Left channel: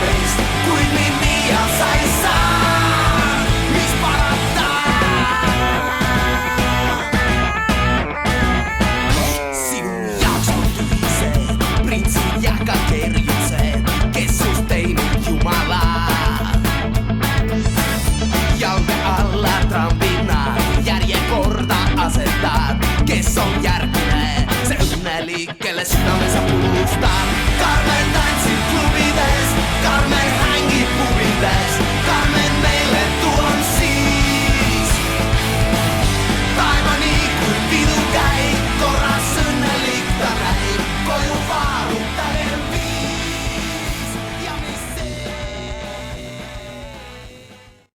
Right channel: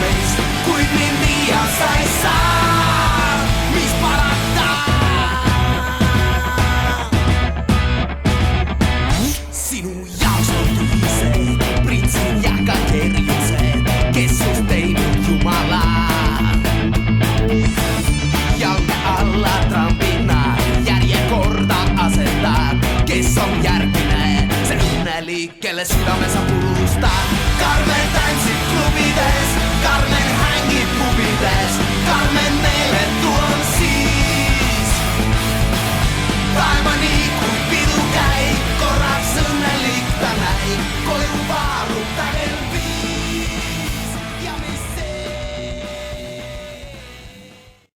meist, kuid mind iial sa ei saa, mis parata. Sinu jaoks on tühised printsid ja ka kerjused, kes sust teinud jumala. Jalge alla trambid nad, järjekorda asetad, kes on järgmine, see õnnelik, kelle südame sa purustad. Karmen tantsib klubides, Karmen hängib pubides,